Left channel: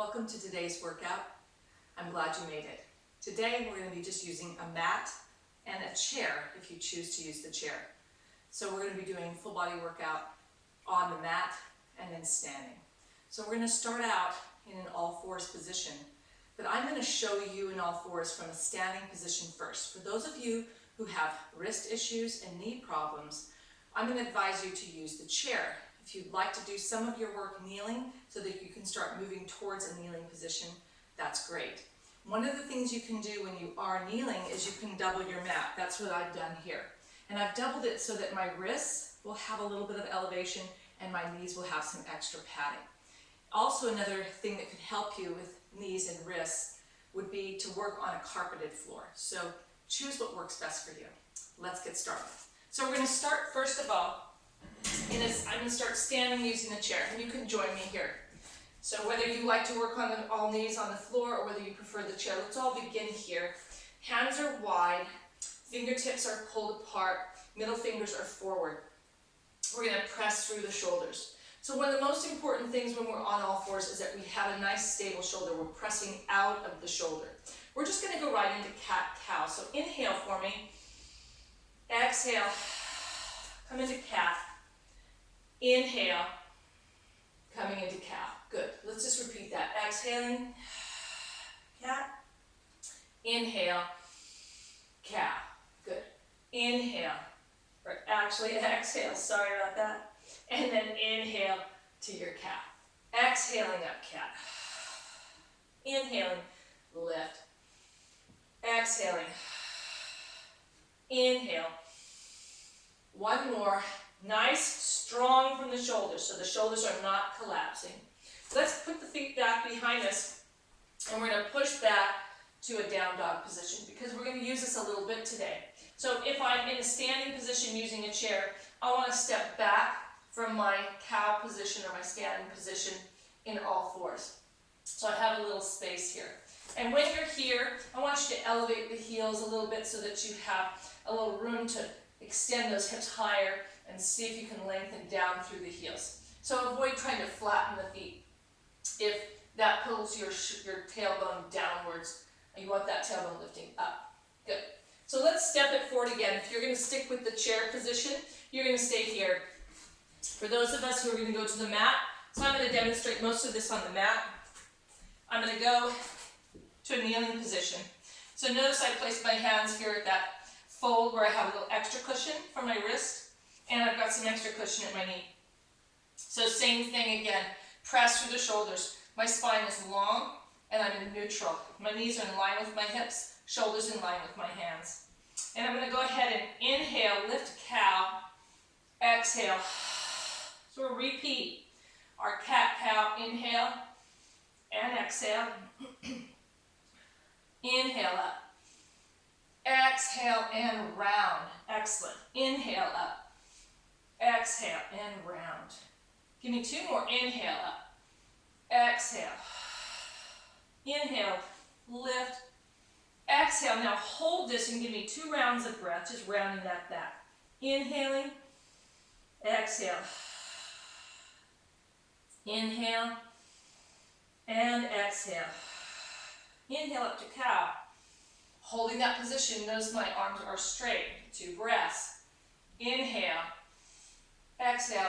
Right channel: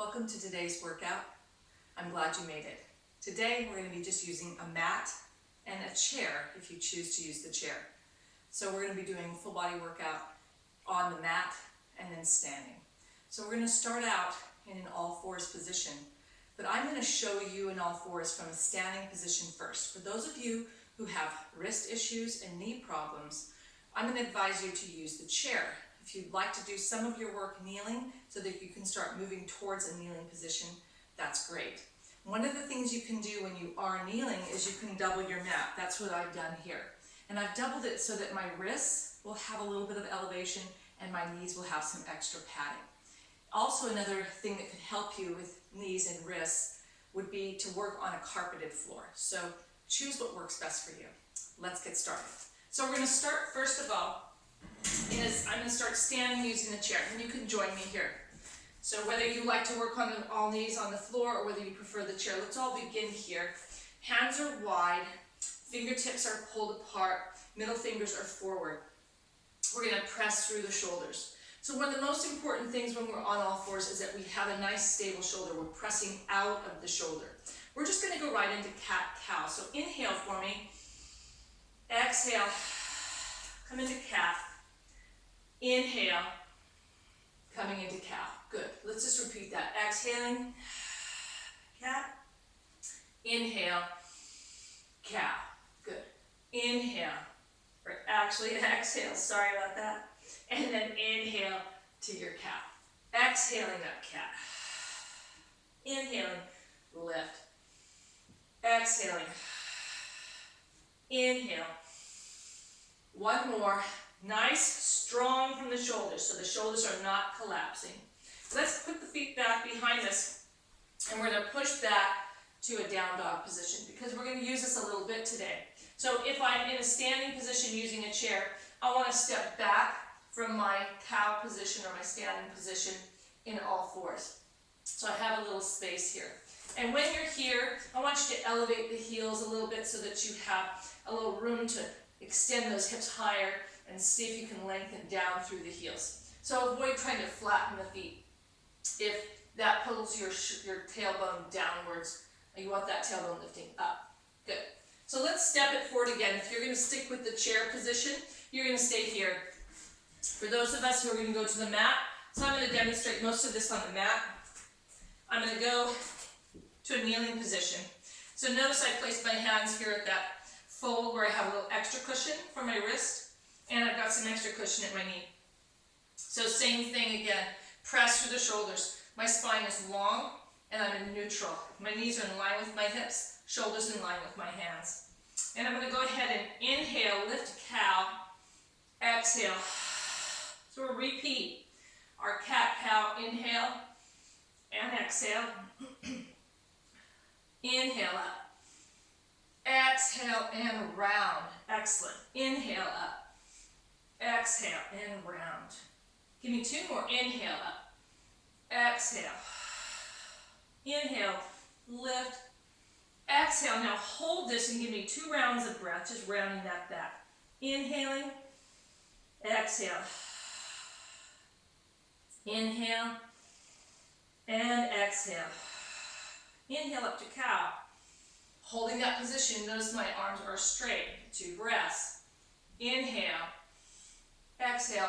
Welcome to today's workout. I'm glad you made it. Today we're going to be just using a mat and a chair if you choose to use the chair. So we're going to be doing full body workout on the mat and then standing. So we're going to start out in an all fours position, but I'm going to show you in all fours from a standing position first. For those of you who have wrist issues and knee problems, I'm going to advise you to use the chair. If you'd like to do some of your work kneeling so that you can start moving towards a kneeling position, that's great. One of the things you can do when you are kneeling is you can double your mat. That's what I've done here. And I've doubled it so that my wrists will have a little bit of elevation and my knees will have some extra padding. Also, another thing that could help you with knees and wrists would be to work on a carpeted floor. So choose what works best for you. Let's get started. So we're going to start first of all, I'm going to start standing using the chair, and you can join me here. So whether you like to work on all knees on the floor or whether you prefer the chair, let's all begin here. Hands are wide, fingertips are pulled apart, middle fingers are forward. We're going to press through the shoulders. So one of the most important things when we're on all fours is that we have a nice stable shoulder. We're pressing out of the shoulder. We're just going to go right into cat-cow. So inhale for me. Exhale. Come into cat. Inhale. Coming into cow. Good. Let's just repeat that. Exhaling. Cat. Inhale. Cow. Good. Inhale. Or actually exhale. Sorry about that. And then inhale to your cat. Exhaling up cat. Inhaling. Lift. Exhaling. Inhale. One more. Nice, strong from the shoulders, so the shoulders are not collapsing. Let's put the feet back behind us, and we're going to push back to a down dog position, because we're going to use this a little bit today. So if I'm in a standing position using a chair, I want to step back from my cow position or my standing position in all fours. So I have a little space here. And when you're here, I want you to elevate the heels a little bit so that you have a little room to extend those hips higher and see if you can lengthen down through the heels. So avoid trying to flatten the feet. If that pulls your tailbone downwards, you want that tailbone lifting up. Good. So let's step it forward again. If you're going to stick with the chair position, you're going to stay here. For those of us who are going to go to the mat, so I'm going to demonstrate most of this on the mat. I'm going to go to a kneeling position. So notice I placed my hands here at that fold where I have a little extra cushion for my wrist. And I've got some extra cushion at my knee. So same thing again, press through the shoulders. My spine is long and I'm in neutral. My knees are in line with my hips, shoulders in line with my hands. And I'm going to go ahead and inhale, lift cow, exhale. So we'll repeat our cat-cow, inhale and exhale. Inhale up. Exhale and round. Excellent. Inhale up. Exhale and round. Give me two more. Inhale up. Exhale. Inhale. Lift. Exhale. Now hold this and give me 2 rounds of breath, just rounding that back. Inhaling. Exhale. Inhale. And exhale. Inhale up to cow. Holding that position, notice my arms are straight. 2 breaths. Inhale. Exhale.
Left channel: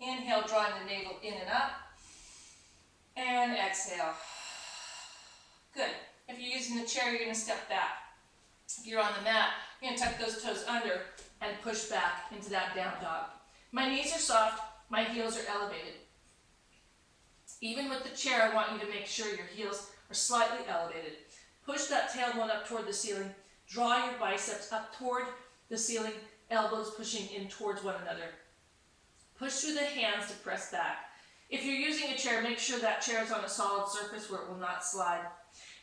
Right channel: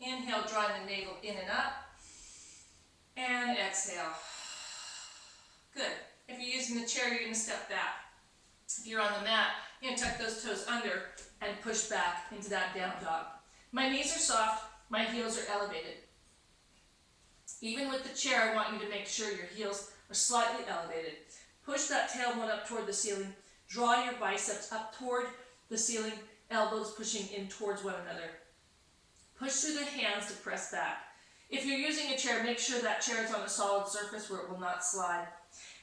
Inhale, drawing the navel in and up. And exhale. Good. If you're using the chair, you're going to step back. If you're on the mat, you're going to tuck those toes under and push back into that down dog. My knees are soft. My heels are elevated. Even with the chair, I want you to make sure your heels are slightly elevated. Push that tailbone up toward the ceiling. Draw your biceps up toward the ceiling. Elbows pushing in towards one another. Push through the hands to press back. If you're using a chair, make sure that chair is on a solid surface where it will not slide.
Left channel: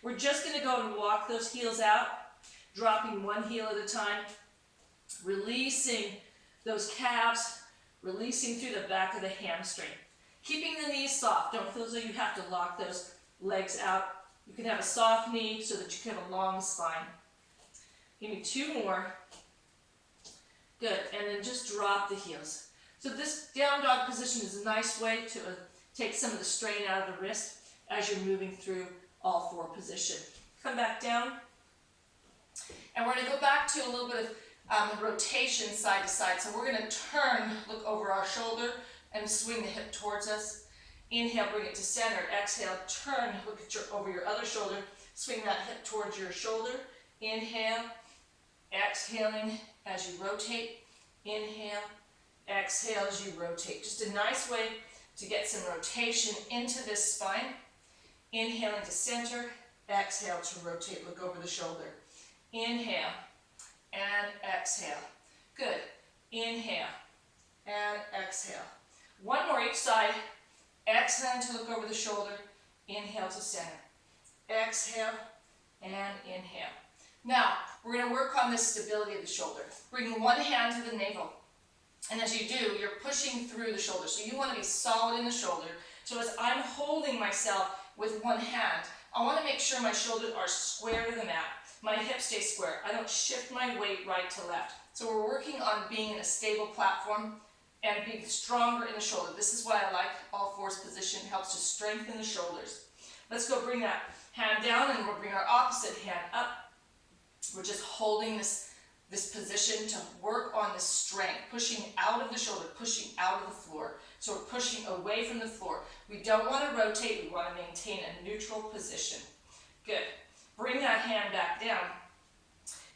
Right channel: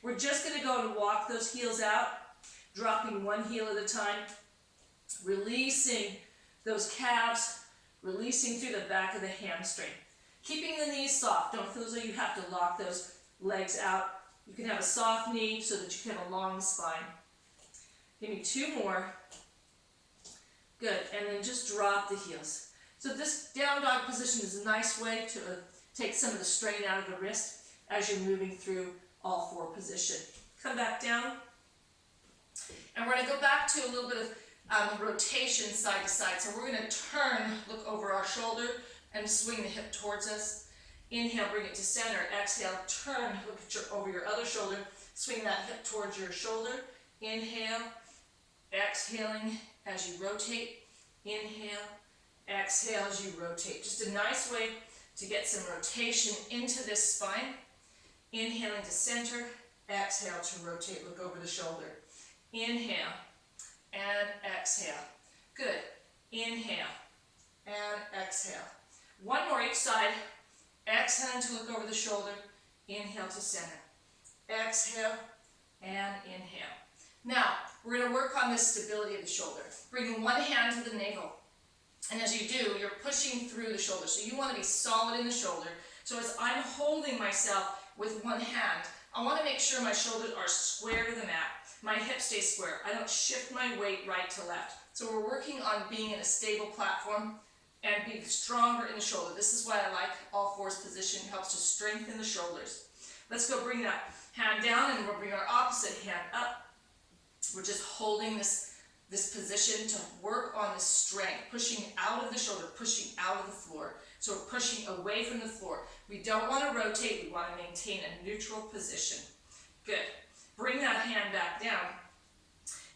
We're just going to go and walk those heels out, dropping one heel at a time, releasing those calves, releasing through the back of the hamstring. Keeping the knees soft. Don't feel as though you have to lock those legs out. You can have a soft knee so that you can have a long spine. Give me 2 more. Good, and then just drop the heels. So this down dog position is a nice way to take some of the strain out of the wrist as you're moving through all four position. Come back down. And we're going to go back to a little bit of rotation side to side. So we're going to turn, look over our shoulder, and swing the hip towards us. Inhale, bring it to center. Exhale, turn, look at over your other shoulder. Swing that hip towards your shoulder. Inhale, exhaling as you rotate. Inhale, exhale as you rotate. Just a nice way to get some rotation into this spine. Inhaling to center. Exhale to rotate, look over the shoulder. Inhale and exhale. Good. Inhale and exhale. One more each side. Exhale to look over the shoulder. Inhale to center. Exhale and inhale. Now, we're going to work on this stability of the shoulder. Bringing one hand to the navel. And as you do, you're pushing through the shoulder. So you want to be solid in the shoulder. So as I'm holding myself with one hand, I want to make sure my shoulders are square to the mat. My hips stay square. I don't shift my weight right to left. So we're working on being in a stable platform and being stronger in the shoulder. This is why I like all fours position. It helps to strengthen the shoulders. Let's go bring that hand down, and we'll bring our opposite hand up. We're just holding this position to work on the strength, pushing out of the shoulder, pushing out of the floor. So we're pushing away from the floor. We don't want to rotate. We want to maintain a neutral position. Good. Bring that hand back down.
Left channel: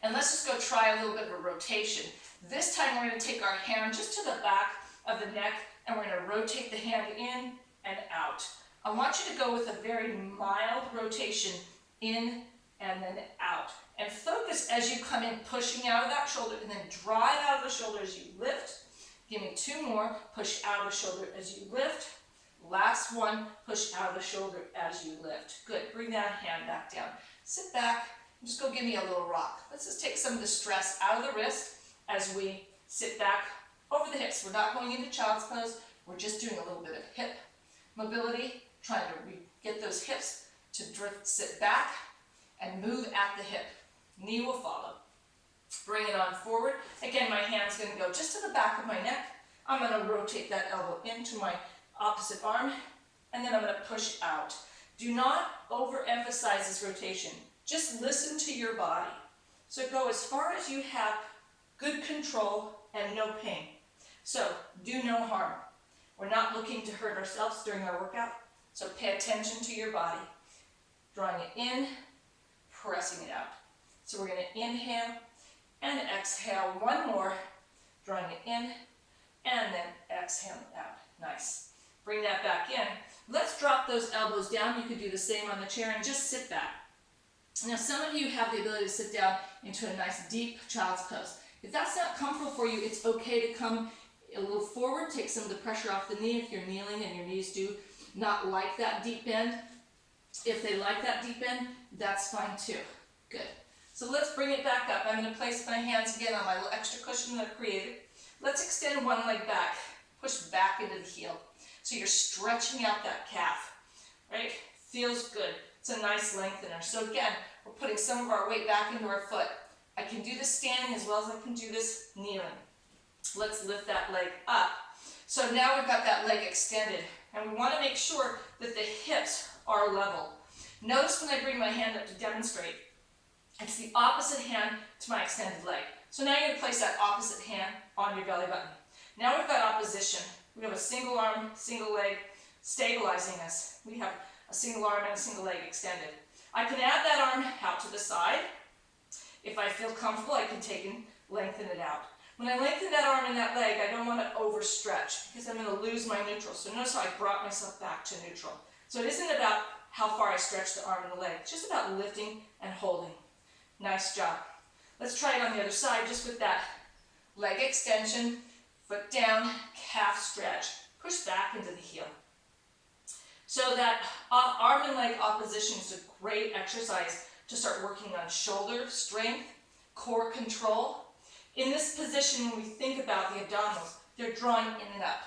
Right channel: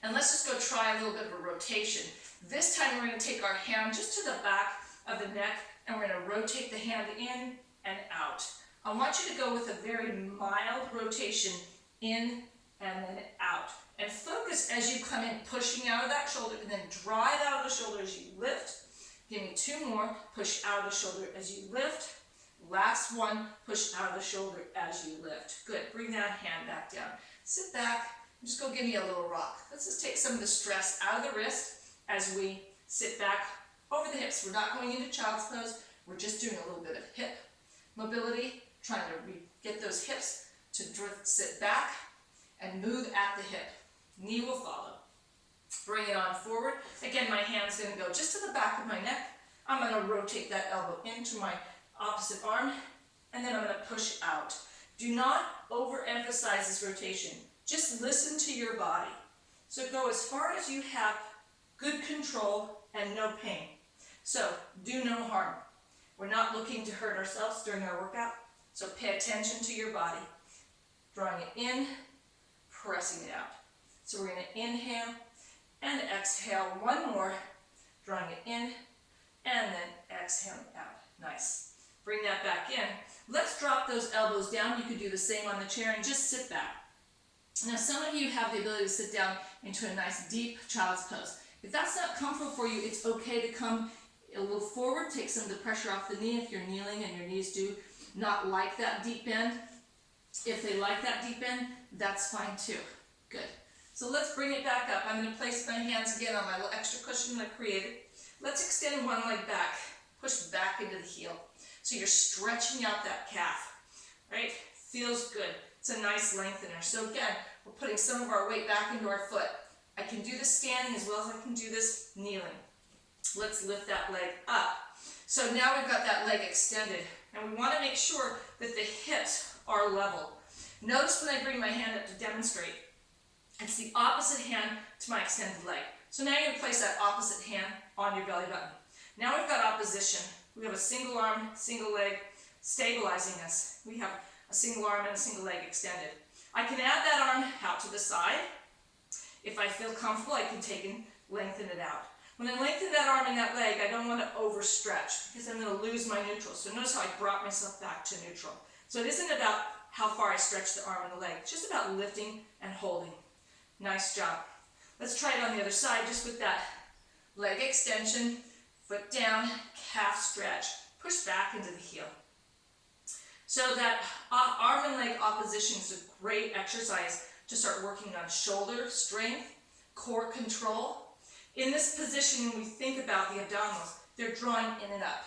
And let's just go try a little bit of a rotation. This time we're going to take our hand just to the back of the neck, and we're going to rotate the hand in and out. I want you to go with a very mild rotation in and then out. And focus as you come in, pushing out of that shoulder, and then drive out of the shoulder as you lift. Give me two more. Push out of the shoulder as you lift. Last one. Push out of the shoulder as you lift. Good. Bring that hand back down. Sit back. And just go give me a little rock. Let's just take some of the stress out of the wrist as we sit back over the hips. We're not going into child's pose. We're just doing a little bit of hip mobility, trying to get those hips to drift, sit back, and move at the hip. Knee will follow. Bring it on forward. Again, my hand's going to go just to the back of my neck. I'm going to rotate that elbow into my opposite arm, and then I'm going to push out. Do not overemphasize this rotation. Just listen to your body. So go as far as you have good control and no pain. So do no harm. We're not looking to hurt ourselves during our workout. So pay attention to your body. Drawing it in, pressing it out. So we're going to inhale and exhale. One more. Drawing it in and then exhaling out. Nice. Bring that back in. Let's drop those elbows down. You could do the same on the chair and just sit back. Now, some of you have the ability to sit down into a nice deep child's pose. If that's not comfortable for you, it's okay to come a little forward, take some of the pressure off the knee if you're kneeling and your knees do not like that deep bend. If they like that deep bend, that's fine too. Good. So let's bring it back up. I'm going to place my hands again on my little extra cushion that I created. Let's extend one leg back. Push back into the heel. So you're stretching out that calf, right? Feels good. It's a nice lengthener. So again, we're putting some of our weight back into our foot. I can do this standing as well as I can do this kneeling. Let's lift that leg up. So now we've got that leg extended, and we want to make sure that the hips are level. Notice when I bring my hand up to demonstrate, it's the opposite hand to my extended leg. So now you're going to place that opposite hand on your belly button. Now we've got opposition. We have a single arm, single leg stabilizing us. We have a single arm and a single leg extended. I can add that arm out to the side. If I feel comfortable, I can take and lengthen it out. When I lengthen that arm and that leg, I don't want to overstretch because I'm going to lose my neutral. So notice how I brought myself back to neutral. So it isn't about how far I stretch the arm and the leg. It's just about lifting and holding. Nice job. Let's try it on the other side just with that leg extension, foot down, calf stretch. Push back into the heel. So that arm and leg opposition is a great exercise to start working on shoulder strength, core control. In this position, when we think about the abdominals, they're drawing in and up.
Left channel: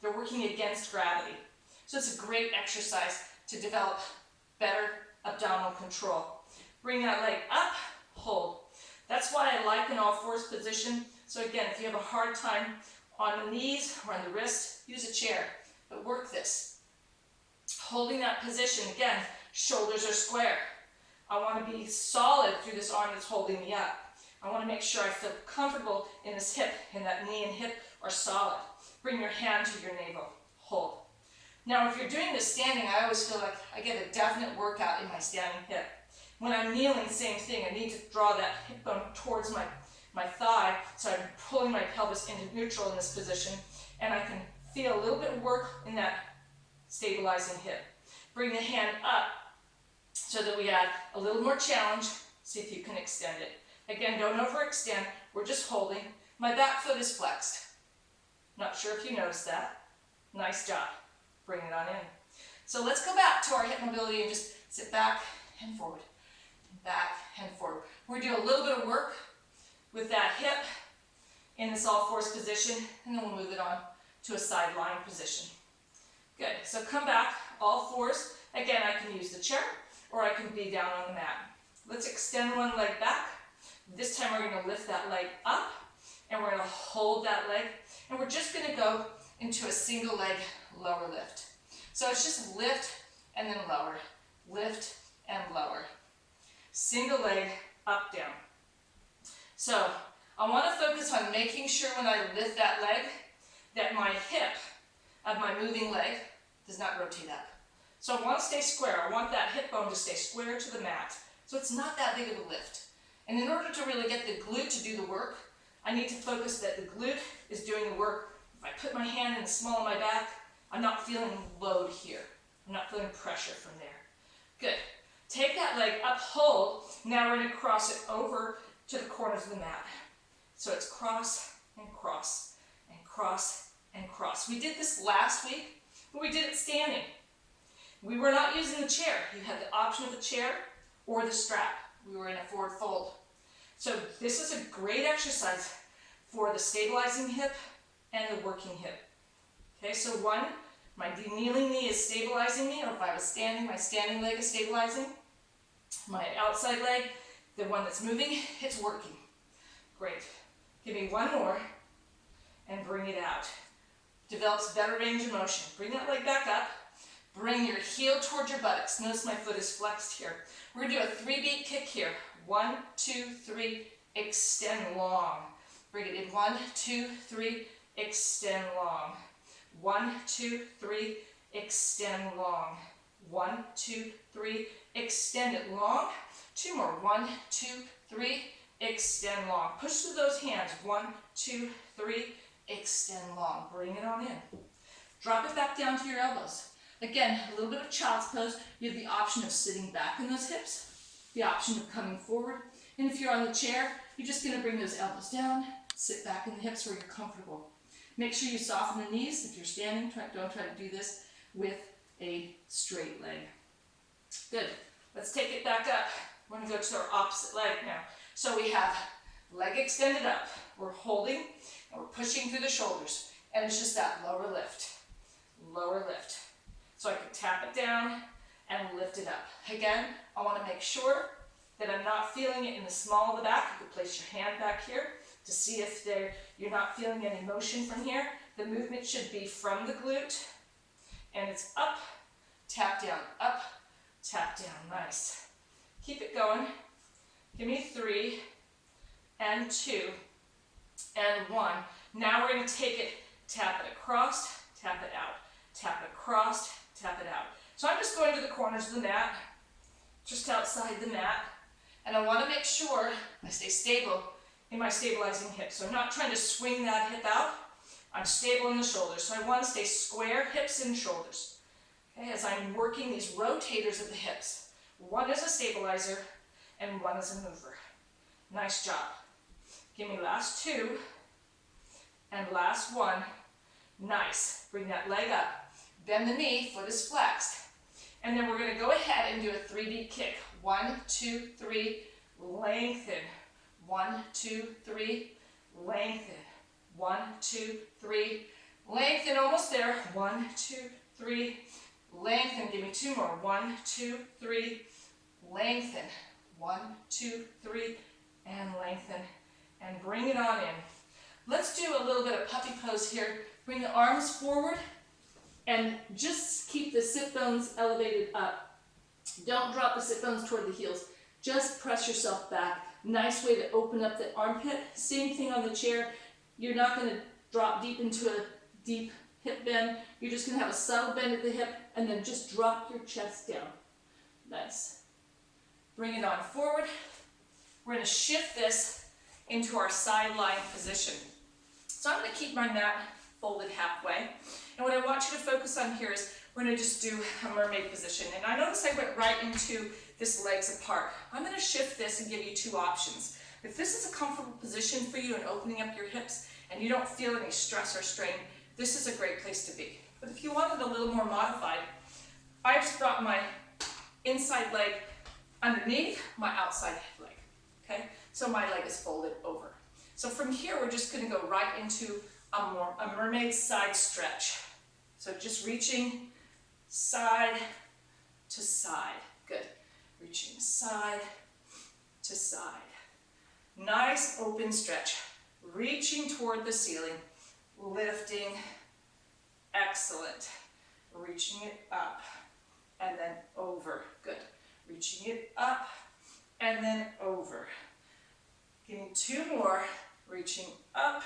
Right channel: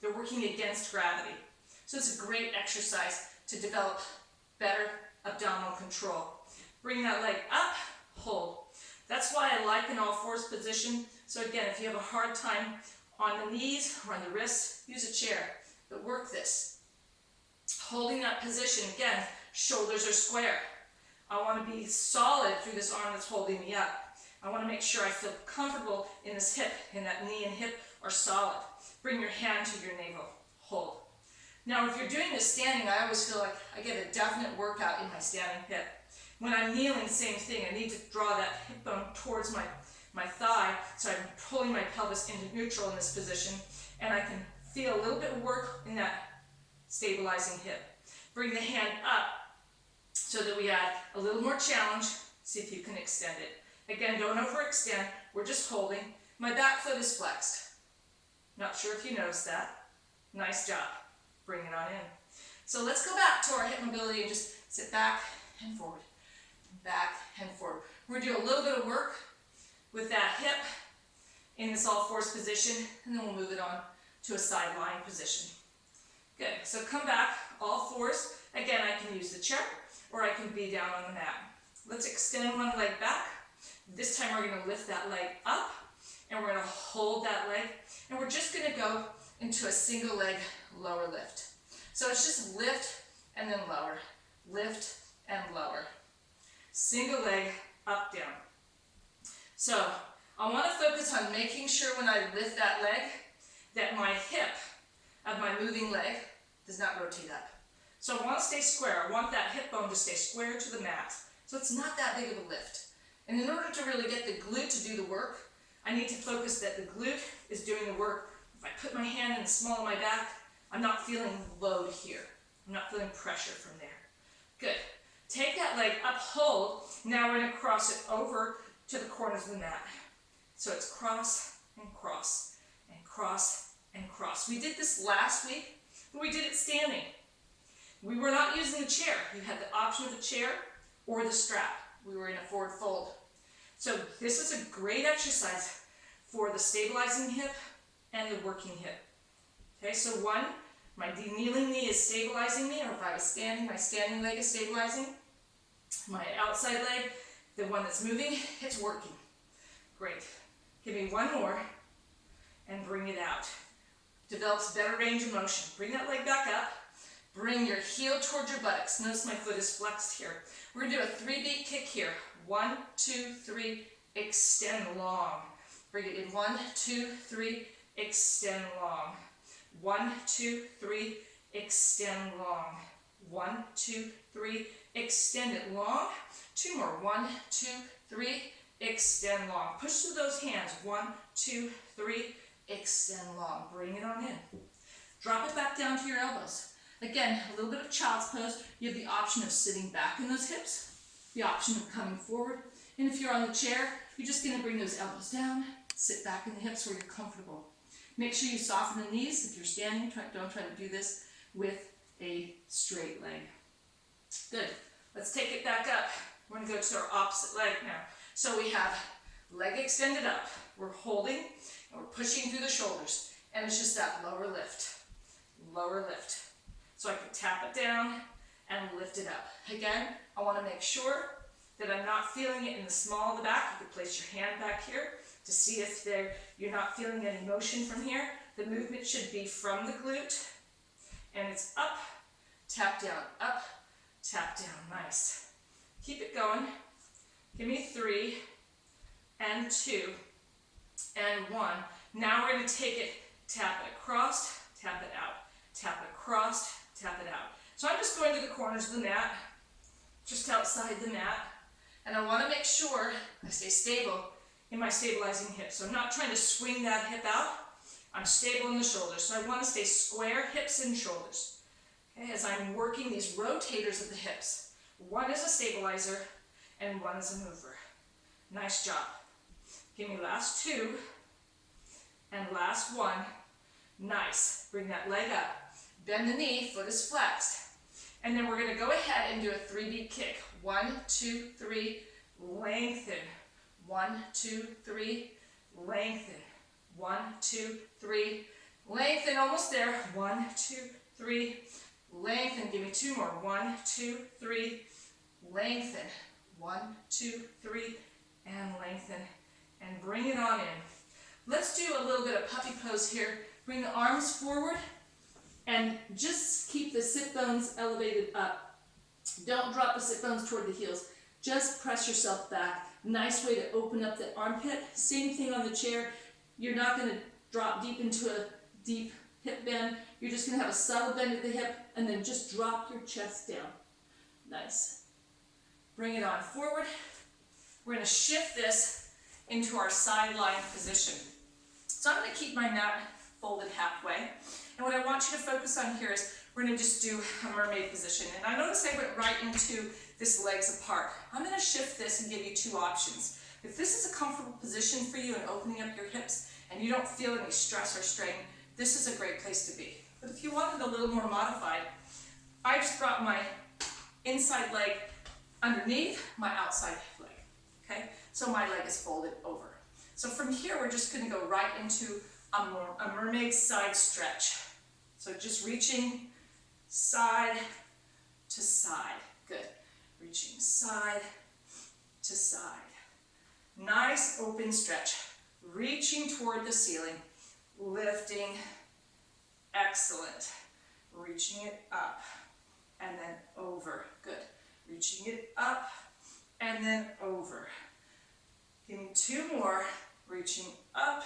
They're working against gravity. So it's a great exercise to develop better abdominal control. Bring that leg up, hold. That's why I like an all fours position. So again, if you have a hard time on the knees or on the wrists, use a chair, but work this. Holding that position, again, shoulders are square. I want to be solid through this arm that's holding me up. I want to make sure I feel comfortable in this hip, and that knee and hip are solid. Bring your hand to your navel. Hold. Now, if you're doing this standing, I always feel like I get a definite workout in my standing hip. When I'm kneeling, same thing. I need to draw that hip bone towards my thigh, so I'm pulling my pelvis into neutral in this position, and I can feel a little bit of work in that stabilizing hip. Bring the hand up so that we add a little more challenge. See if you can extend it. Again, don't overextend. We're just holding. My back foot is flexed. Not sure if you noticed that. Nice job. Bring it on in. So let's go back to our hip mobility and just sit back and forward. Back and forward. We're going to do a little bit of work with that hip in this all fours position, and then we'll move it on to a side lying position. Good. So come back, all fours. Again, I can use the chair, or I can be down on the mat. Let's extend one leg back. This time we're going to lift that leg up, and we're going to hold that leg, and we're just going to go into a single leg lower lift. So it's just lift and then lower, lift and lower. Single leg, up, down. So I want to focus on making sure when I lift that leg that my hip of my moving leg does not rotate up. So I want to stay square. I want that hip bone to stay square to the mat. So it's not that big of a lift. And in order to really get the glute to do the work, I need to focus that the glute is doing the work. If I put my hand in the small of my back, I'm not feeling load here. I'm not feeling pressure from there. Good. Take that leg up, hold. Now we're going to cross it over to the corners of the mat. So it's cross and cross and cross and cross. We did this last week, but we did it standing. We were not using the chair. You had the option of the chair or the strap. We were in a forward fold. So this is a great exercise for the stabilizing hip and the working hip. Okay, so one, my kneeling knee is stabilizing me, or if I was standing, my standing leg is stabilizing. My outside leg, the one that's moving, it's working. Great. Give me one more and bring it out. Develops better range of motion. Bring that leg back up. Bring your heel towards your buttocks. Notice my foot is flexed here. We're going to do a 3-beat kick here. 1, 2, 3, extend long. Bring it in. 1, 2, 3, extend long. 1, 2, 3, extend long. 1, 2, 3, extend it long. 2 more. 1, 2, 3, extend long. Push through those hands. 1, 2, 3, extend long. Bring it on in. Drop it back down to your elbows. Again, a little bit of child's pose. You have the option of sitting back in those hips, the option of coming forward. And if you're on the chair, you're just going to bring those elbows down, sit back in the hips where you're comfortable. Make sure you soften the knees. If you're standing, don't try to do this with a straight leg. Good. Let's take it back up. We're going to go to our opposite leg now. So we have leg extended up. We're holding and we're pushing through the shoulders. And it's just that lower lift. Lower lift. So I can tap it down and lift it up. Again, I want to make sure that I'm not feeling it in the small of the back. You can place your hand back here to see if you're not feeling any motion from here. The movement should be from the glute. And it's up, tap down, up, tap down. Nice. Keep it going. Give me 3 and 2 and 1. Now we're going to take it, tap it across, tap it out. Tap it across, tap it out. So I'm just going to the corners of the mat, just outside the mat, and I want to make sure I stay stable in my stabilizing hip. So I'm not trying to swing that hip out. I'm stable in the shoulders. So I want to stay square, hips and shoulders. Okay, as I'm working these rotators of the hips. One is a stabilizer and one is a mover. Nice job. Give me last 2 and last 1. Nice. Bring that leg up. Bend the knee, foot is flexed. And then we're going to go ahead and do a 3-beat kick. 1, 2, 3, lengthen. 1, 2, 3, lengthen. 1, 2, 3, lengthen. Almost there. 1, 2, 3, lengthen. Give me 2 more. 1, 2, 3, lengthen. 1, 2, 3, and lengthen. And bring it on in. Let's do a little bit of puppy pose here. Bring the arms forward And just keep the sit bones elevated up. Don't drop the sit bones toward the heels. Just press yourself back. Nice way to open up the armpit. Same thing on the chair. You're not going to drop deep into a deep hip bend. You're just going to have a subtle bend at the hip and then just drop your chest down. Nice. Bring it on forward. We're going to shift this into our side lying position. So I'm going to keep my mat folded halfway. And what I want you to focus on here is we're going to just do a mermaid position. And I notice I went right into this legs apart. I'm going to shift this and give you two options. If this is a comfortable position for you and opening up your hips and you don't feel any stress or strain, this is a great place to be. But if you want it a little more modified, I just brought my inside leg underneath my outside leg, okay? So my leg is folded over. So from here, we're just gonna go right into a mermaid side stretch. So just reaching side to side. Good. Reaching side to side. Nice open stretch. Reaching toward the ceiling. Lifting. Excellent. Reaching it up and then over. Good. Reaching it up and then over. Give me two more. Reaching up.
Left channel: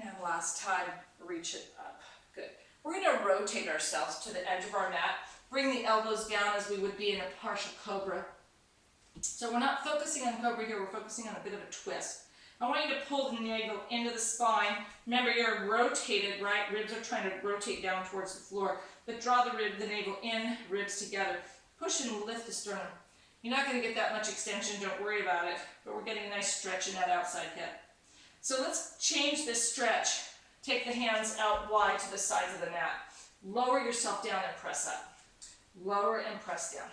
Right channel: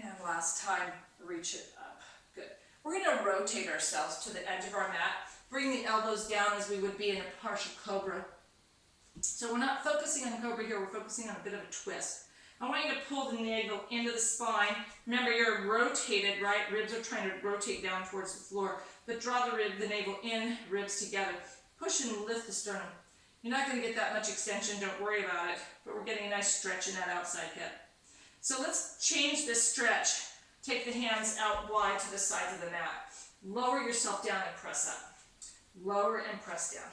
And last time, reach it up. Good. We're going to rotate ourselves to the edge of our mat. Bring the elbows down as we would be in a partial cobra. So we're not focusing on cobra here, we're focusing on a bit of a twist. I want you to pull the navel into the spine. Remember, you're rotated, right? Ribs are trying to rotate down towards the floor. But draw the navel in, ribs together. Push and lift the sternum. You're not going to get that much extension, don't worry about it. But we're getting a nice stretch in that outside hip. So let's change this stretch. Take the hands out wide to the sides of the mat. Lower yourself down and press up. Lower and press down.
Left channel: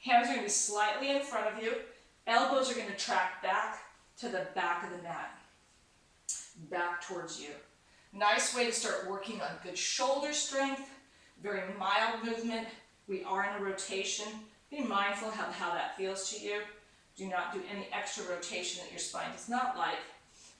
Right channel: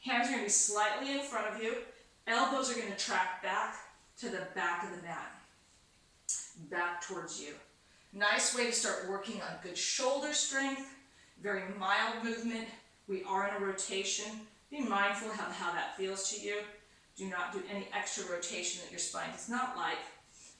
Hands are going to be slightly in front of you. Elbows are going to track back to the back of the mat. Back towards you. Nice way to start working on good shoulder strength. Very mild movement. We are in a rotation. Be mindful of how that feels to you. Do not do any extra rotation that your spine does not like.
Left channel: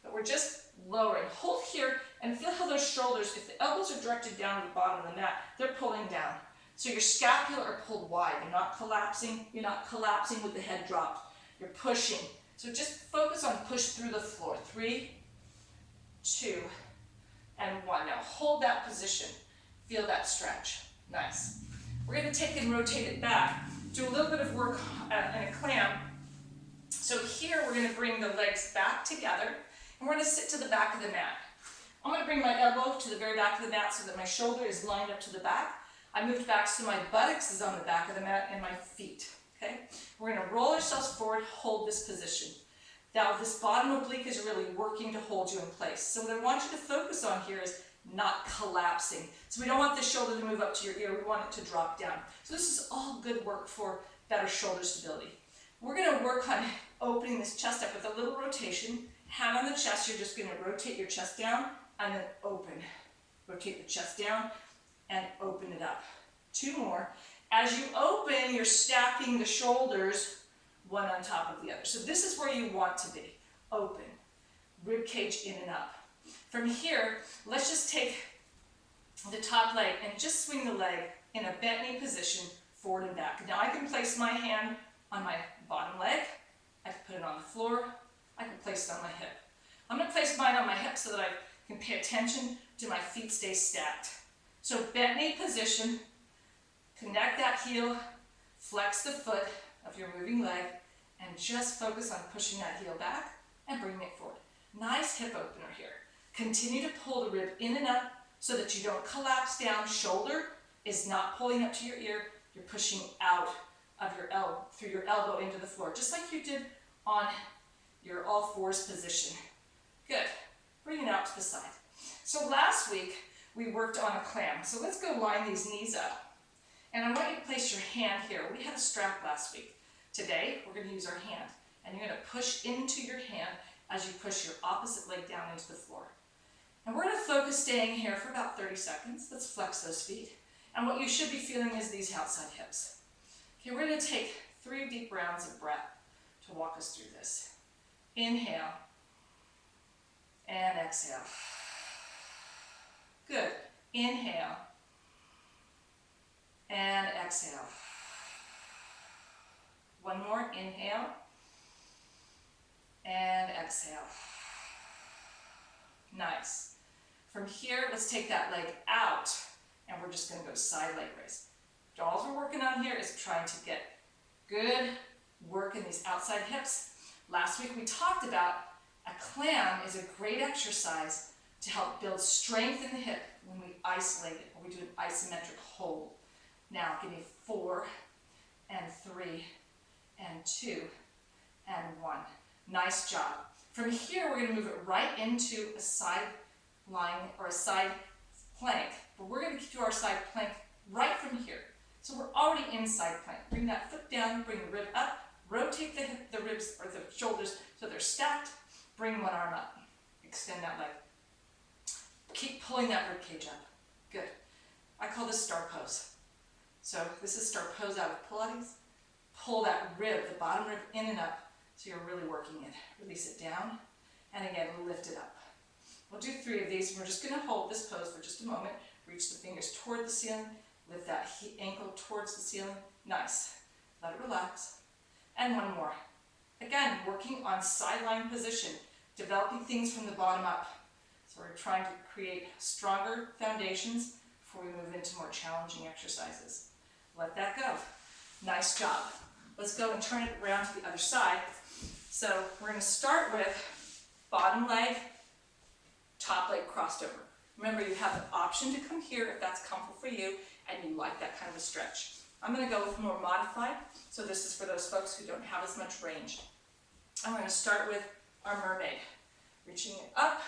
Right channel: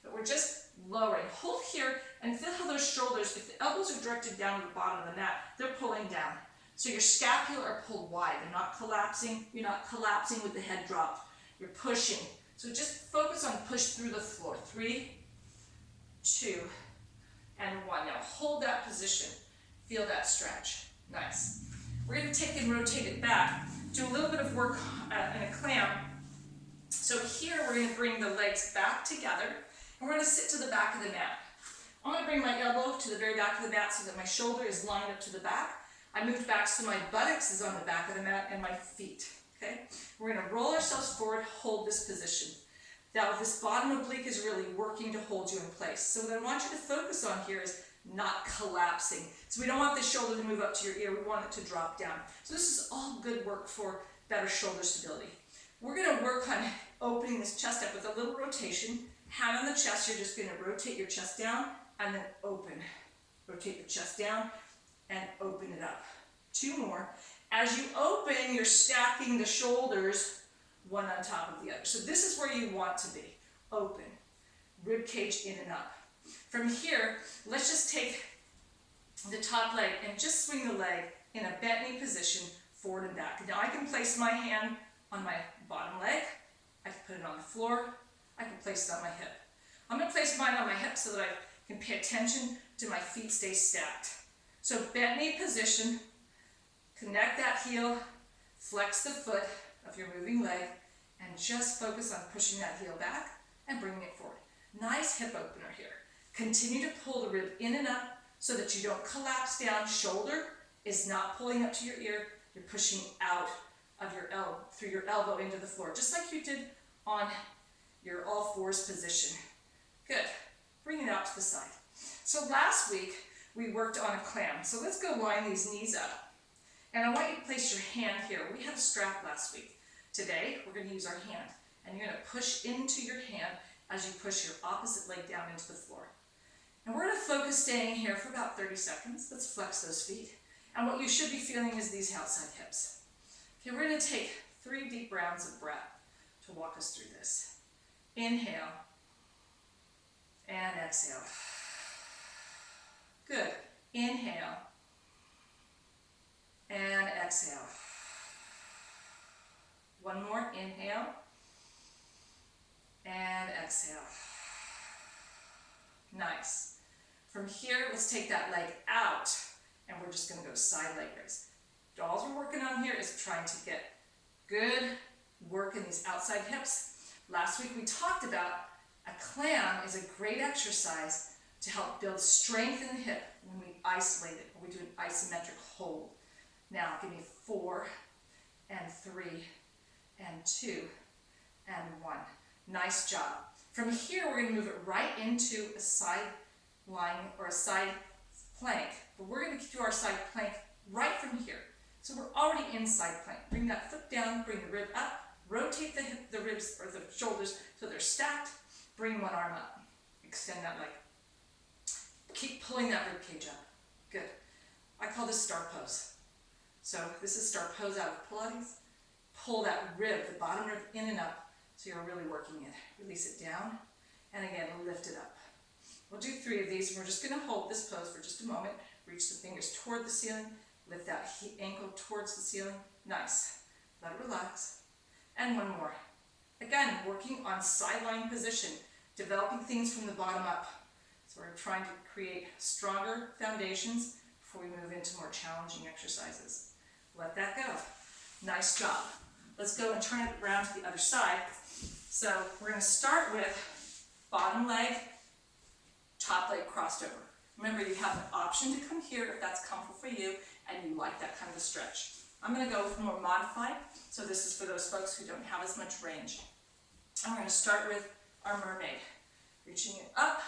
But we're just lowering. Hold here and feel how those shoulders, if the elbows are directed down to the bottom of the mat, they're pulling down. So your scapula are pulled wide. You're not collapsing. You're not collapsing with the head dropped. You're pushing. So just focus on push through the floor. 3, 2, and 1. Now hold that position. Feel that stretch. Nice. We're going to take and rotate it back. Do a little bit of work in a clam. So here we're going to bring the legs back together. And we're going to sit to the back of the mat. I'm going to bring my elbow to the very back of the mat so that my shoulder is lined up to the back. I moved back so my buttocks is on the back of the mat and my feet. Okay? We're going to roll ourselves forward, hold this position. Now this bottom oblique is really working to hold you in place. So what I want you to focus on here is not collapsing. So we don't want the shoulder to move up to your ear. We want it to drop down. So this is all good work for better shoulder stability. We're going to work on opening this chest up with a little rotation. Hand on the chest, you're just going to rotate your chest down and then open. Rotate the chest down and open it up. 2 more. As you open, you're stacking the shoulders one on top of the other. So this is where you want to be. Open. Rib cage in and up. From here, let's just take the top leg and just swing the leg in a bent knee position forward and back. Now I can place my hand on my bottom leg. I can put it on the floor. I can place it on my hip. I'm going to place mine on my hip so that I can pay attention to my feet stay stacked. So bent knee position, connect that heel, flex the foot of your moving leg, and just focus on pushing that heel back and bringing it forward. Nice hip opener here. Continue to pull the rib in and up so that you don't collapse down. Shoulder is not pulling up to your ear. You're pushing out of your elbow, through your elbow into the floor, just like you did on your all fours position. Good. Bring it out to the side. So last week, we worked on a clam. So let's go line these knees up. And I want you to place your hand here. We had a strap last week. Today, we're going to use our hand. And you're going to push into your hand as you push your opposite leg down into the floor. And we're going to focus staying here for about 30 seconds. Let's flex those feet. And what you should be feeling is these outside hips. Okay, we're going to take 3 deep rounds of breath to walk us through this. Inhale and exhale. Good. Inhale. And exhale. One more, inhale. And exhale. Nice. From here, let's take that leg out, and we're just gonna go side leg raise. All we're working on here is trying to get good work in these outside hips. Last week we talked about a clam is a great exercise to help build strength in the hip when we isolate it, or we do an isometric hold. Now give me 4 and 3 and 2 and 1. Nice job. From here we're going to move it right into a side lying or a side plank, but we're going to do our side plank right from here. So we're already in side plank. Bring that foot down, bring the rib up, rotate the ribs or the shoulders so they're stacked. Bring one arm up, extend that leg. Keep pulling that rib cage up. Good. I call this star pose. So this is star pose out of Pilates. Pull that rib, the bottom rib, in and up so you're really working it. Release it down, and again, lift it up. We'll do 3 of these. We're just going to hold this pose for just a moment. Reach the fingers toward the ceiling. Lift that ankle towards the ceiling. Nice. Let it relax. And one more. Again, working on sideline position, developing things from the bottom up. So we're trying to create stronger foundations before we move into more challenging exercises. Let that go. Nice job. Let's go and turn it around to the other side. So we're going to start with bottom leg, top leg crossed over. Remember, you have the option to come here if that's comfortable for you and you like that kind of a stretch. I'm going to go with more modified, so this is for those folks who don't have as much range. And we're going to start with our mermaid. Reaching it up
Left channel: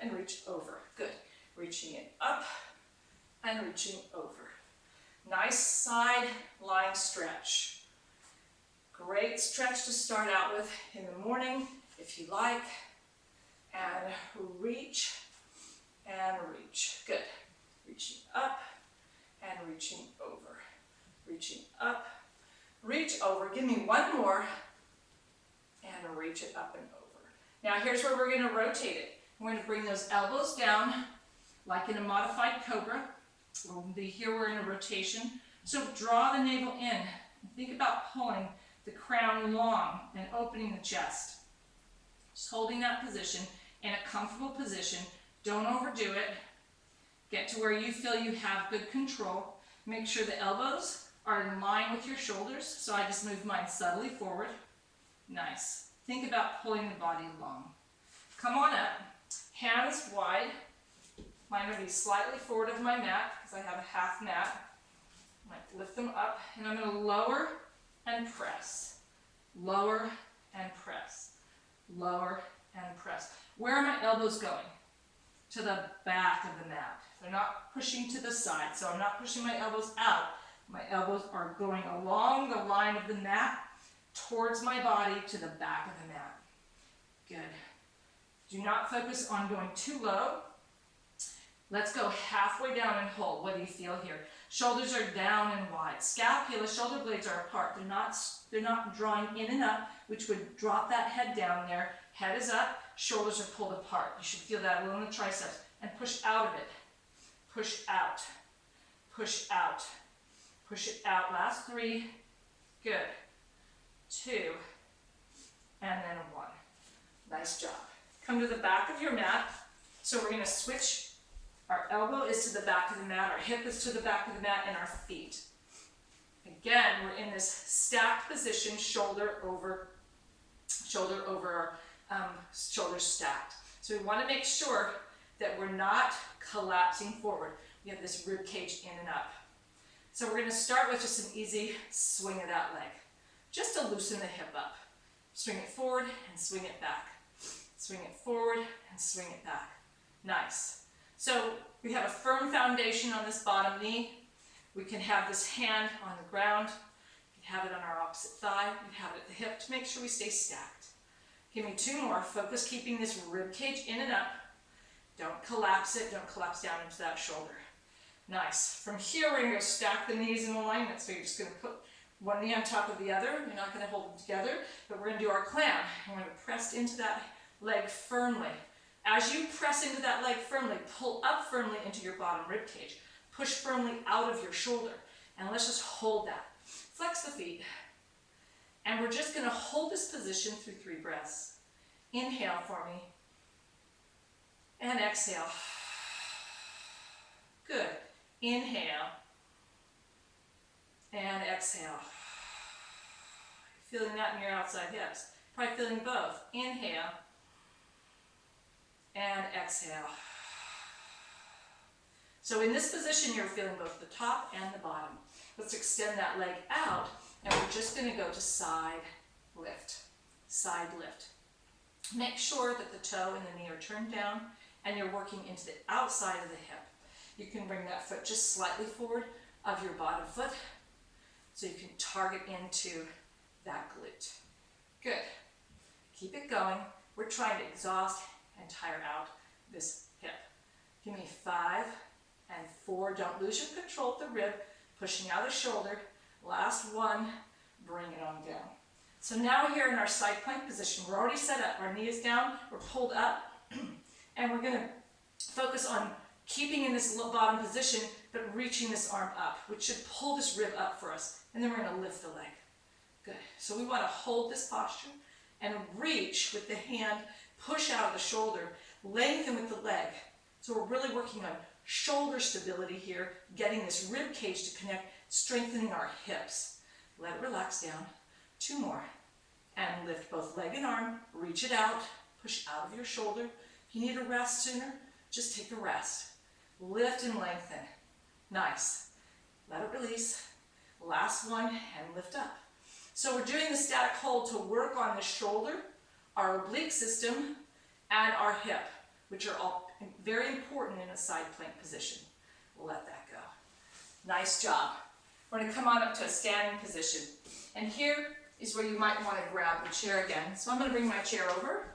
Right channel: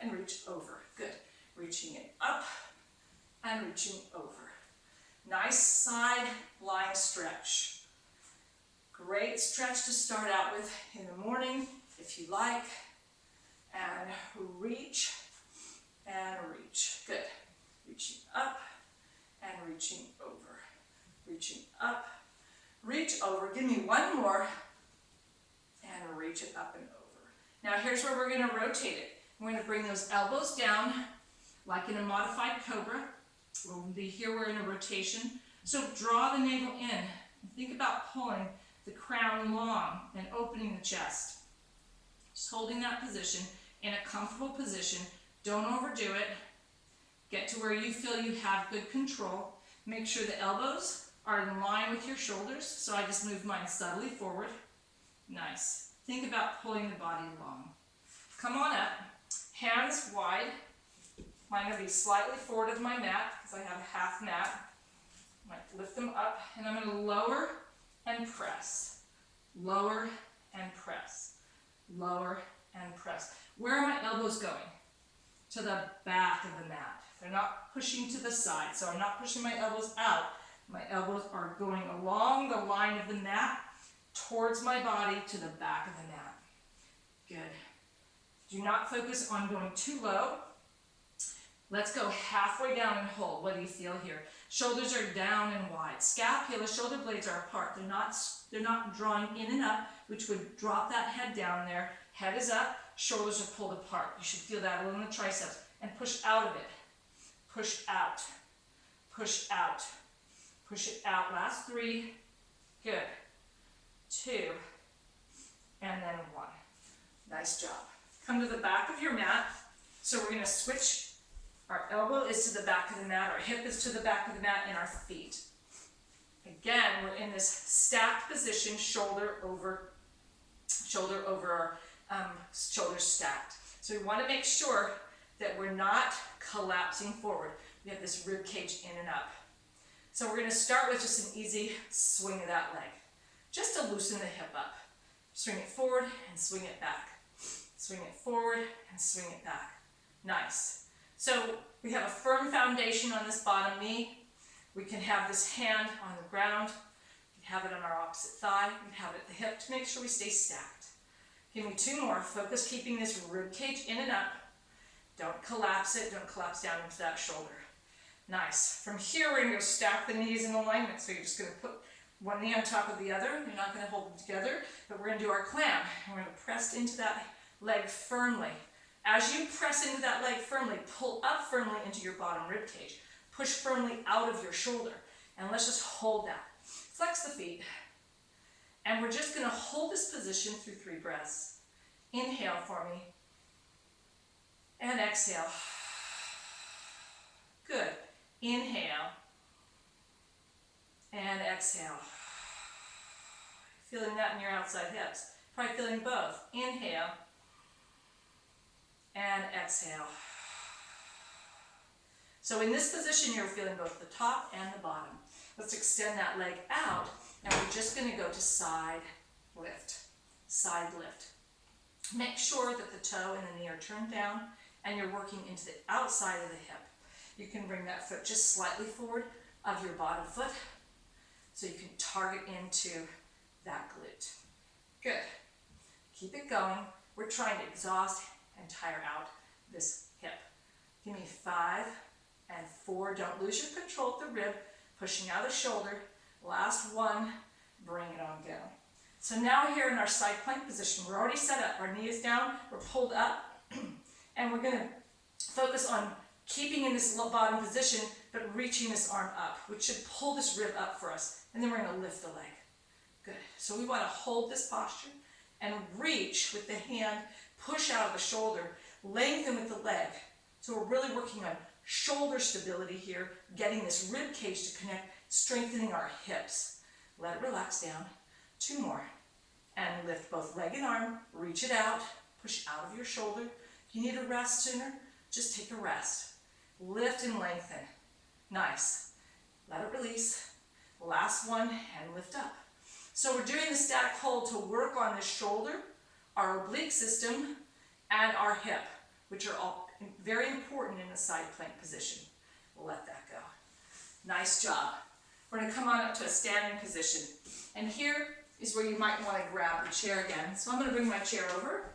and reach over. Good. Reaching it up and reaching over. Nice side lying stretch. Great stretch to start out with in the morning if you like. And reach and reach. Good. Reaching up and reaching over. Reaching up, reach over. Give me one more and reach it up and over. Now here's where we're going to rotate it. We're going to bring those elbows down like in a modified cobra. We'll be here, we're in a rotation. So draw the navel in. Think about pulling the crown long and opening the chest. Just holding that position in a comfortable position. Don't overdo it. Get to where you feel you have good control. Make sure the elbows are in line with your shoulders. So I just move mine subtly forward. Nice. Think about pulling the body along. Come on up. Hands wide. Mine will be slightly forward of my mat because I have a half mat. I might lift them up and I'm going to lower and press. Lower and press. Lower and press. Where are my elbows going? To the back of the mat. They're not pushing to the side, so I'm not pushing my elbows out. My elbows are going along the line of the mat towards my body to the back of the mat. Good. Do not focus on going too low. Let's go halfway down and hold. What do you feel here? Shoulders are down and wide. Scapula, shoulder blades are apart. They're not drawing in and up, which would drop that head down there. Head is up, shoulders are pulled apart. You should feel that a little in the triceps. And push out of it. Push out. Push out. Push it out. Last 3. Good. 2. And then 1. Nice job. Come to the back of your mat. So we're going to switch. Our elbow is to the back of the mat. Our hip is to the back of the mat, and our feet. Again, we're in this stacked position, shoulder over our shoulders stacked. So we want to make sure that we're not collapsing forward. We have this rib cage in and up. So we're going to start with just an easy swing of that leg, just to loosen the hip up. Swing it forward and swing it back. Swing it forward and swing it back. Nice. So we have a firm foundation on this bottom knee. We can have this hand on the ground. We can have it on our opposite thigh. We can have it at the hip to make sure we stay stacked. Give me 2 more. Focus keeping this rib cage in and up. Don't collapse it. Don't collapse down into that shoulder. Nice. From here, we're going to go stack the knees in alignment. So you're just going to put one knee on top of the other. You're not going to hold them together, but we're going to do our clam. We're going to press into that leg firmly. As you press into that leg firmly, pull up firmly into your bottom rib cage. Push firmly out of your shoulder. And let's just hold that. Flex the feet. And we're just going to hold this position through 3 breaths. Inhale for me. And exhale. Good. Inhale. And exhale. Feeling that in your outside hips. Probably feeling both. Inhale. And exhale. So in this position, you're feeling both the top and the bottom. Let's extend that leg out, and we're just going to go to side lift. Side lift. Make sure that the toe and the knee are turned down, and you're working into the outside of the hip. You can bring that foot just slightly forward of your bottom foot, so you can target into that glute. Good. Keep it going. We're trying to exhaust and tire out this hip. Give me 5 and 4. Don't lose your control at the rib, pushing out the shoulder. Last 1, bring it on down. So now here in our side plank position, we're already set up. Our knee is down, we're pulled up, and we're gonna focus on keeping in this bottom position, but reaching this arm up, which should pull this rib up for us. And then we're gonna lift the leg. Good. So we wanna hold this posture and reach with the hand, push out of the shoulder, lengthen with the leg. So we're really working on shoulder stability here, getting this rib cage to connect, strengthening our hips. Let it relax down. 2 more. And lift both leg and arm, reach it out, push out of your shoulder. If you need a rest sooner, just take a rest. Lift and lengthen. Nice. Let it release. Last 1, and lift up. So we're doing the static hold to work on the shoulder, our oblique system, and our hip, which are all very important in a side plank position. We'll let that go. Nice job. We're going to come on up to a standing position. And here is where you might want to grab the chair again. So I'm going to bring my chair over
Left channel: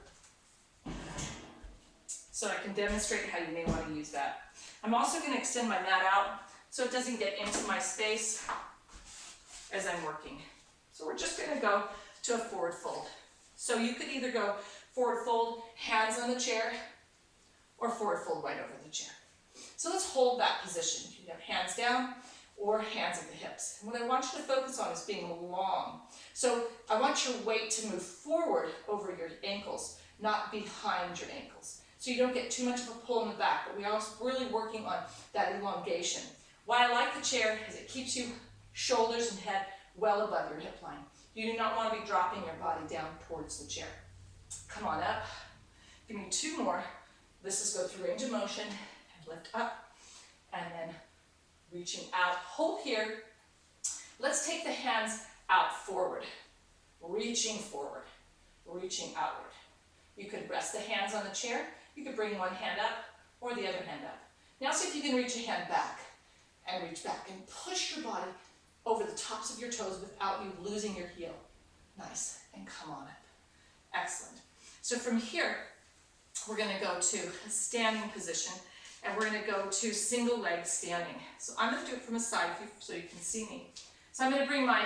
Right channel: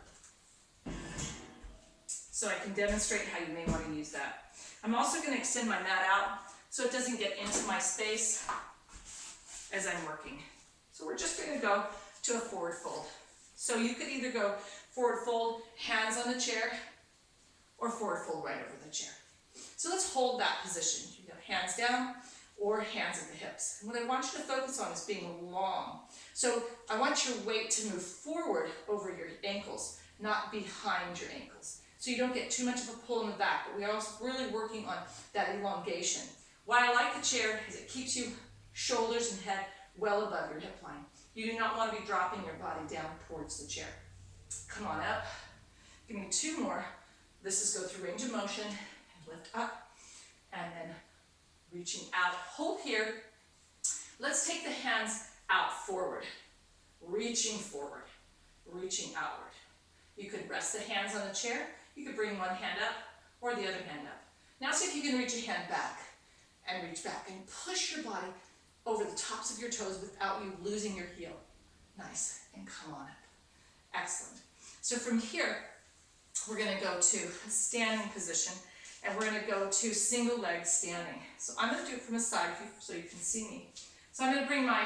so I can demonstrate how you may want to use that. I'm also going to extend my mat out so it doesn't get into my space as I'm working. So we're just going to go to a forward fold. So you could either go forward fold, hands on the chair, or forward fold right over the chair. So let's hold that position. You can have hands down or hands at the hips. And what I want you to focus on is being long. So I want your weight to move forward over your ankles, not behind your ankles. So you don't get too much of a pull in the back, but we're also really working on that elongation. Why I like the chair is it keeps you shoulders and head well above your hip line. You do not want to be dropping your body down towards the chair. Come on up. Give me 2 more. This is go through range of motion and lift up and then reaching out. Hold here. Let's take the hands out forward, reaching forward, reaching outward. You could rest the hands on the chair. You could bring one hand up or the other hand up. Now see if you can reach a hand back and reach back and push your body over the tops of your toes without you losing your heel. Nice, and come on up. Excellent. So from here, we're gonna go to a standing position and we're gonna go to single leg standing. So I'm gonna do it from a side view so you can see me. So I'm gonna bring my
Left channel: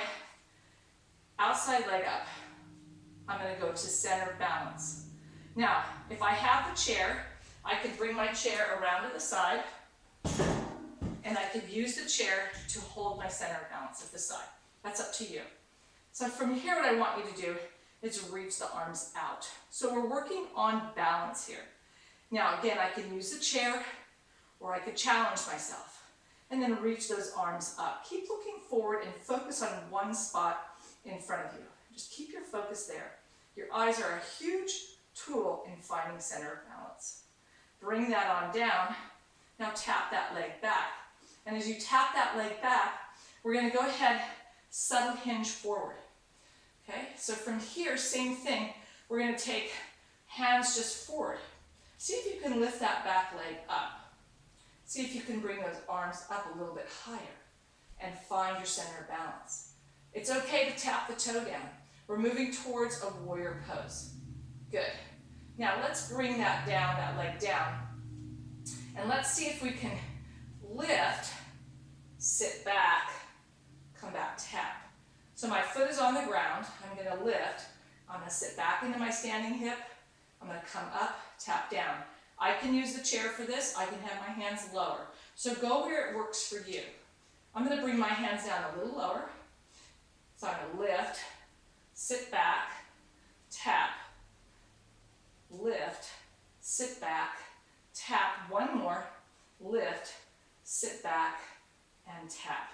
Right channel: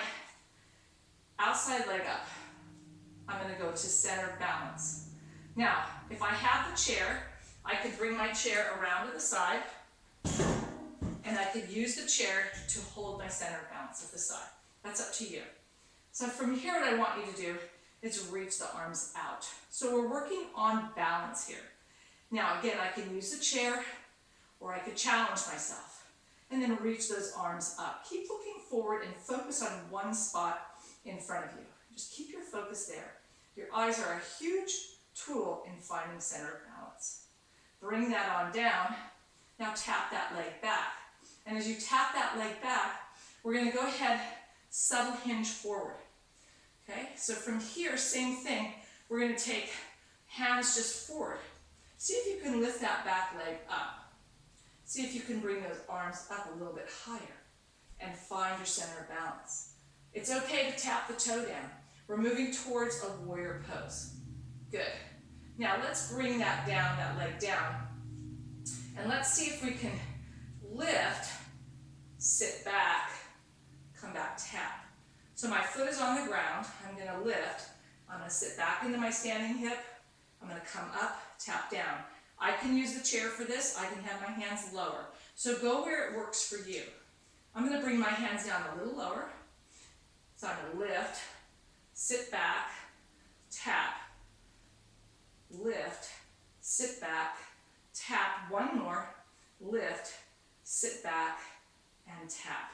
outside leg up. I'm gonna go to center balance. Now, if I have the chair, I could bring my chair around to the side and I could use the chair to hold my center balance at the side. That's up to you. So from here, what I want you to do is reach the arms out. So we're working on balance here. Now again, I can use the chair or I could challenge myself and then reach those arms up. Keep looking forward and focus on one spot in front of you. Just keep your focus there. Your eyes are a huge tool in finding center balance. Bring that on down. Now tap that leg back. And as you tap that leg back, we're going to go ahead, subtle hinge forward. Okay, so from here, same thing. We're going to take hands just forward. See if you can lift that back leg up. See if you can bring those arms up a little bit higher and find your center of balance. It's okay to tap the toe down. We're moving towards a warrior pose. Good. Now let's bring that down, that leg down. And let's see if we can lift, sit back, come back, tap. So my foot is on the ground. I'm going to lift. I'm going to sit back into my standing hip. I'm going to come up, tap down. I can use the chair for this. I can have my hands lower. So go where it works for you. I'm going to bring my hands down a little lower. So I'm going to lift, sit back, tap, lift, sit back, tap, one more, lift, sit back, and tap.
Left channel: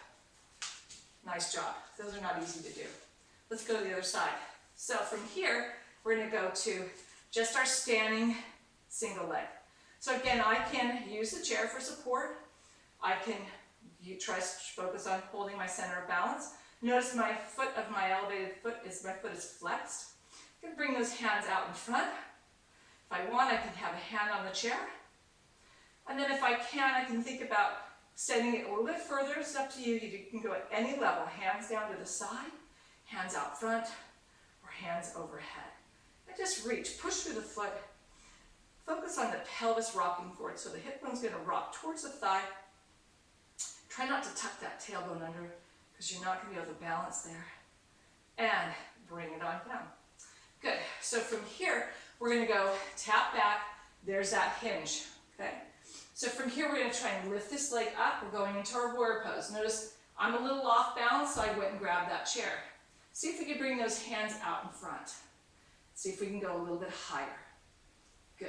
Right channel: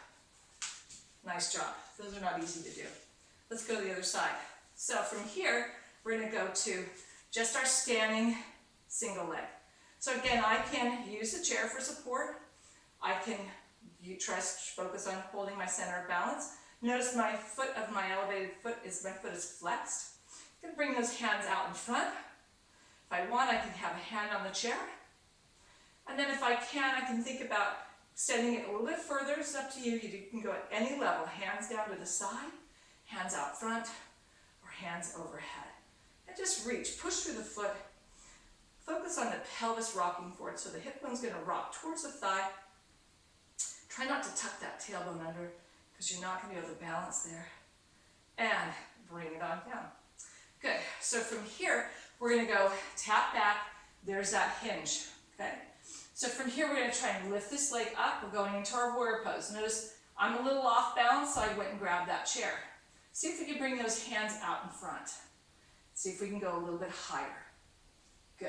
Nice job. Those are not easy to do. Let's go to the other side. So from here, we're going to go to just our standing single leg. So again, I can use the chair for support. I can focus on holding my center of balance. Notice my elevated foot is flexed. I'm going to bring those hands out in front. If I want, I can have a hand on the chair. And then if I can think about extending it a little bit further. It's up to you. You can go at any level. Hands down to the side, hands out front, or hands overhead. And just reach, push through the foot. Focus on the pelvis rocking forward. So the hip bone's going to rock towards the thigh. Try not to tuck that tailbone under because you're not going to be able to balance there. And bring it on down. Good. So from here, we're going to go tap back. There's that hinge. Okay. So from here, we're going to try and lift this leg up. We're going into our warrior pose. Notice I'm a little off balance, so I went and grabbed that chair. See if we can bring those hands out in front. See if we can go a little bit higher. Good.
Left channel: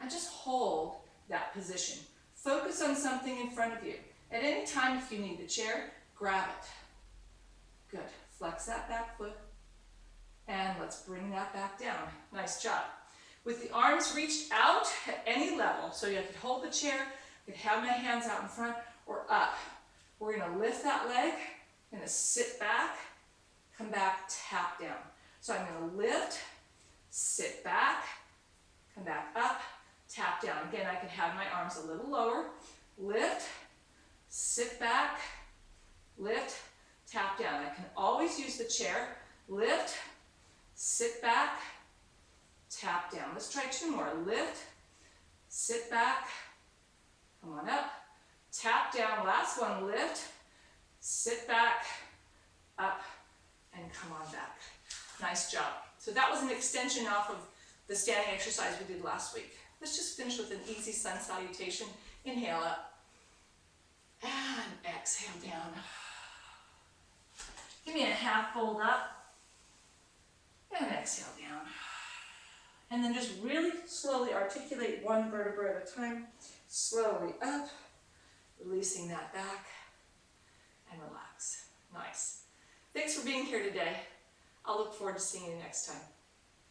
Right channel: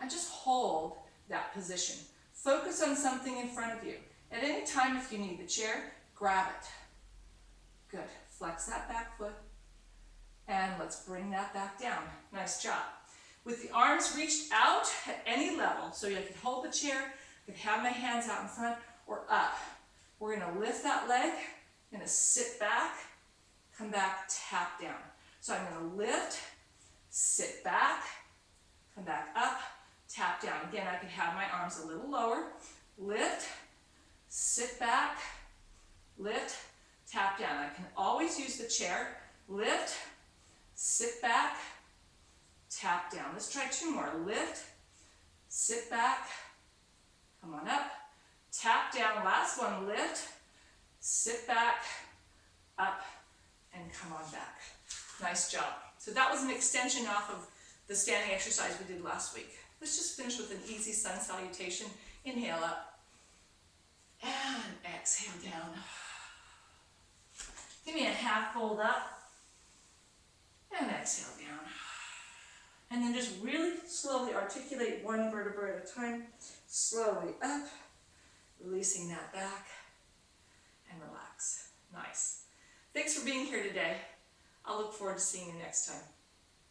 And just hold that position. Focus on something in front of you. At any time, if you need the chair, grab it. Good. Flex that back foot. And let's bring that back down. Nice job. With the arms reached out at any level, so you could hold the chair, you could have my hands out in front or up. We're going to lift that leg, I'm going to sit back, come back, tap down. So I'm going to lift, sit back, come back up, tap down. Again, I could have my arms a little lower, lift, sit back, lift, tap down. I can always use the chair, lift, sit back, tap down. Let's try two more. Lift, sit back, come on up, tap down. Last one, lift, sit back, up, and come on back. Nice job. So that was an extension off of the standing exercise we did last week. Let's just finish with an easy sun salutation. Inhale up, and exhale down. Give me a half fold up, and exhale down. And then just really slowly articulate one vertebra at a time. Slowly up, releasing that back, and relax. Nice. Thanks for being here today. I'll look forward to seeing you next time.